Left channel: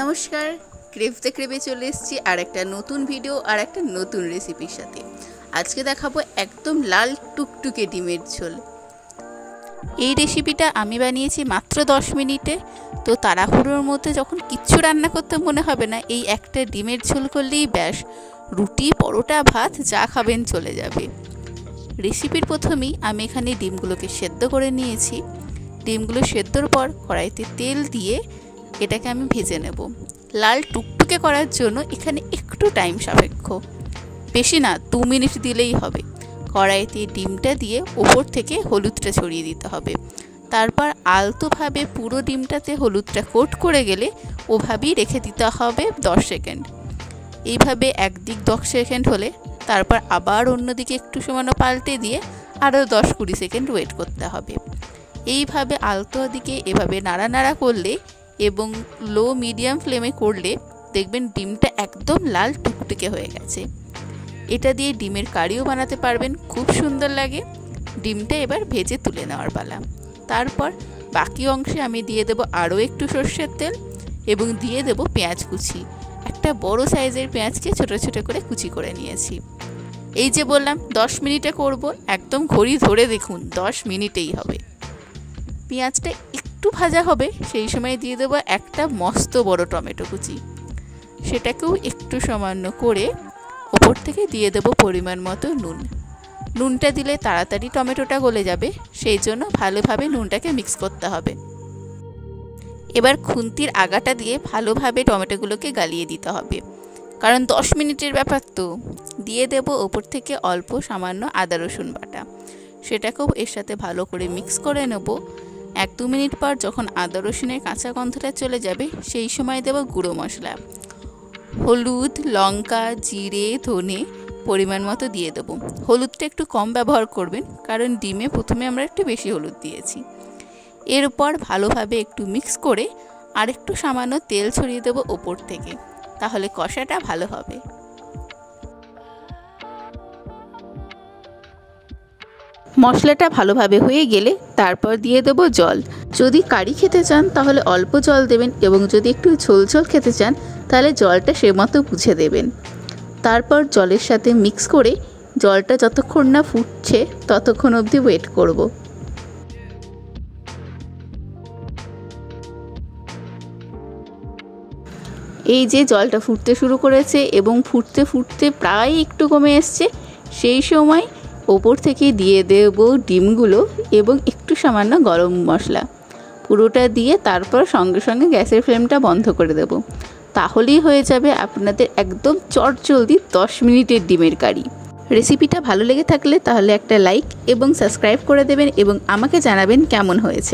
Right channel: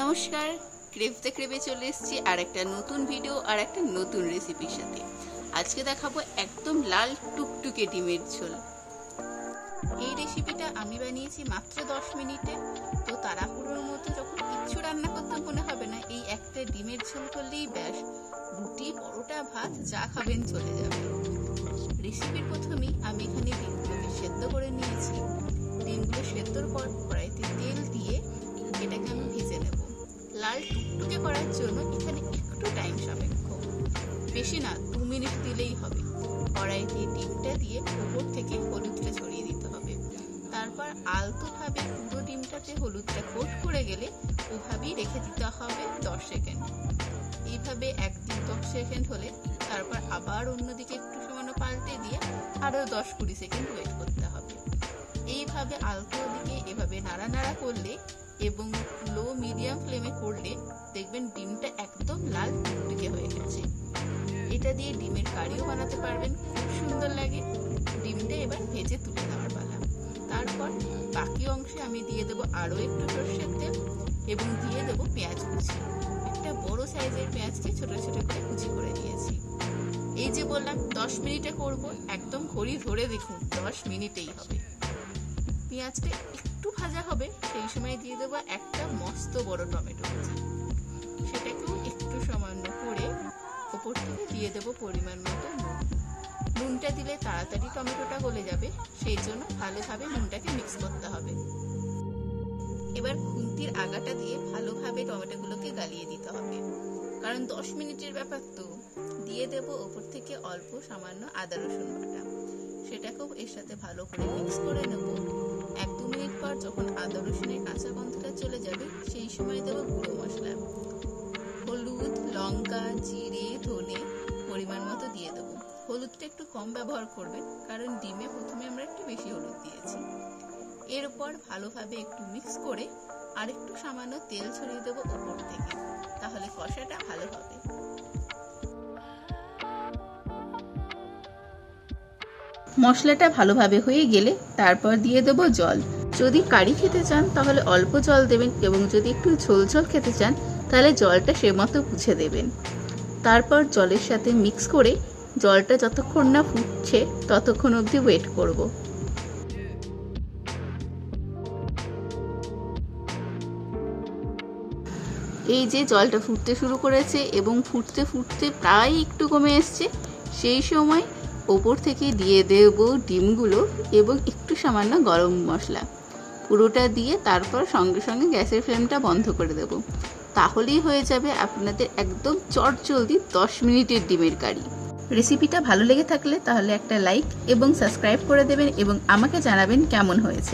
নমস্কার, ক্রেভতে ক্রেভে চলে এসেছি আর একটা নতুন ভিডিও আর একটা নতুন রেসিপির সাথে। আজকে দেখাবো একদম লাল টুকটুকে ডিমের ঝোল। এই রেসিপিটা আমি বানিয়েছি মাত্র 10 মিনিটে। তো তাড়াহুড়োর মধ্যে যখন কিচ্ছু রান্না করতে মনে হবে না, এই একটা ডিমের ঝোল করলেই ব্যাস রুটি, পরোটা, ভাত যা খাবেন চলে যাবে। রেসিপির প্রথমেই আমি এখানে ডিমগুলোকে সেদ্ধ করে নিয়েছি। ডিমগুলো সেদ্ধর পর কড়াইতে তেল দিয়ে এটাকে আমি ভেজে নেব। লাল টুকটুকে করার জন্য এখানে একটু টাইম সাপেক্ষ, বেশি না, 2 মিনিট দিলেই হবে। কড়াইতে ডিমটা দিয়ে ওপর থেকে হলুদটা ছড়িয়ে দিতে হবে। তারপর আলতোভাবে পুরো ডিমটাতে হলুদটা কোট করে গেলে ওভাবেই রেখে দিতে হবে 10 সেকেন্ড। এইভাবে একদিক 10 সেকেন্ড হলে তারপর আবার অন্যদিকে একটু সামান্য পাল্টে দিয়ে আরও 10-20 সেকেন্ড ওয়েট করতে হবে। এইভাবে আলতো দিকে এভাবে নাড়ানাড়া করলে এবং লো মিডিয়াম ফ্লেমে করলে দেখবেন ডিমটা একদম লাল টুকটুকে হয়ে গেছে। এটা দিয়ে ডিমের কারিও বানাতে পারবেন, খুব সুন্দর লাগে। ডিমটা এবার ভেজে তুলে নেওয়ার পালা। তারপর বাকি অংশে আমি দিয়ে দেব আরও একটু সর্ষের তেল এবং দিয়ে দেব পেঁয়াজ কুচি। একটা বড় সাইজের পেঁয়াজকে ছোট ছোট করে কুচি করে নিয়েছি। এই যে বললাম 10 মিনিটে করব, একদম ঘড়ি ধরে দেখুন 10 মিনিটেই হবে। পেঁয়াজটা একটু ভাজা হবে, সেই সময় দিয়ে দেবো একটা মস্ত বড় টমেটো কুচি। সেটাকেও একটু সামান্য করে ওপর থেকে দিয়ে দেবো পরিমাণ মতো নুন। নুনটা দিলে তাড়াতাড়ি টমেটোটা গলে যাবে, সেই জন্য ভালোভাবে নুনটাকে মিক্স করতে হবে। এবার খুন্তির আগাটা দিয়ে ভালোভাবে টমেটোগুলোকে গালিয়ে দিতে হবে, কারণ 10 মিনিটের ব্যাপার তো। দিয়ে দেবো ওপর থেকে অল্প সামান্য আদা রসুন বাটা। সেটাকেও এর সাথে ভালো করে মিক্স করে নেব। 1-2 মিনিট পর যখন আদা রসুনের কাঁচা গন্ধটা চলে যাবে, সেই সময় দেব গুঁড়ো মশলা, হলুদ, লঙ্কা, জিরে, ধনে পরিমাণ মতো দিয়ে দেবো। হলুদটা একটু কম ব্যবহার করবেন, কারণ ডিমে প্রথমে আমরা একটু বেশি হলুদ দিয়েছি। এরপর ভালোভাবে একটু মিক্স করে আর একটু সামান্য তেল ছড়িয়ে দেবো ওপর থেকে, তাহলে কষাটা ভালো হবে। মশলাটা ভালোভাবে হয়ে গেলে তারপর দিয়ে দেবো জল। যদি কারি খেতে চান তাহলে অল্প জল দেবেন, এবং যদি একটু ঝোল ঝোল খেতে চান তাহলে জলটা সে মতো বুঝে দেবেন। তারপর জলের সাথে মিক্স করে জলটা যতক্ষণ না ফুটছে ততক্ষণ অবধি ওয়েট করব। এই যে জলটা ফুটতে শুরু করেছে এবং ফুটতে ফুটতে প্রায় একটু কমে এসছে, সেই সময় ওপর থেকে দিয়ে দেব ডিমগুলো এবং একটু সামান্য গরম মশলা। পুরোটা দিয়ে তারপর সঙ্গে সঙ্গে গ্যাসের ফ্লেমটা বন্ধ করে দেব। তাহলেই হয়ে যাবে আপনাদের একদম চটজলদি 10 মিনিটের ডিমের কারি। রেসিপিটা ভালো লেগে থাকলে তাহলে একটা লাইক এবং সাবস্ক্রাইব করে দেবেন এবং আমাকে জানাবেন কেমন হয়েছে।